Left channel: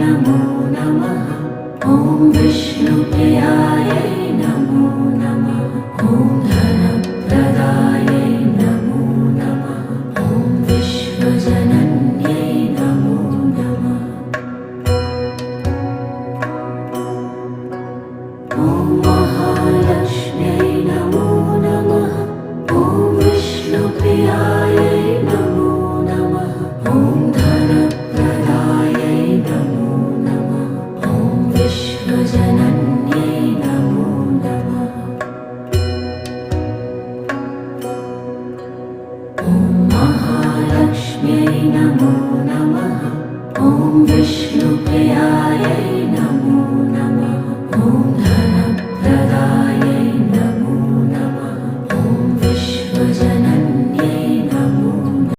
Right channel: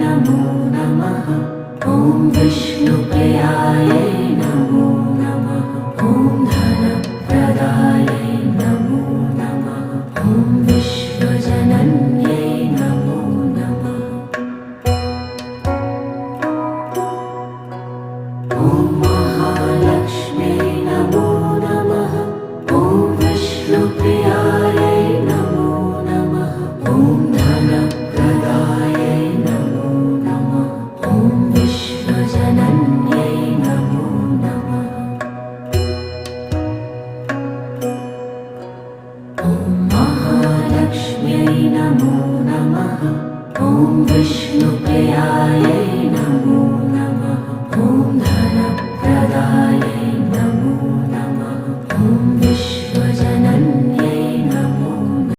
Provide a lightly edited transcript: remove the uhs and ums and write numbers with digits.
नमो नमः। ॐ विष्णुप्रियायै नमो नमः। ॐ धनप्रदायै नमो नमः। ॐ विश्वजनन्यै नमो नमः। ॐ महालक्ष्म्यै नमो नमः। ॐ विष्णुप्रियायै नमो नमः। ॐ धनप्रदायै नमो नमः। ॐ विश्वजनन्यै नमो नमः। ॐ महालक्ष्म्यै नमो नमः। ॐ विष्णुप्रियायै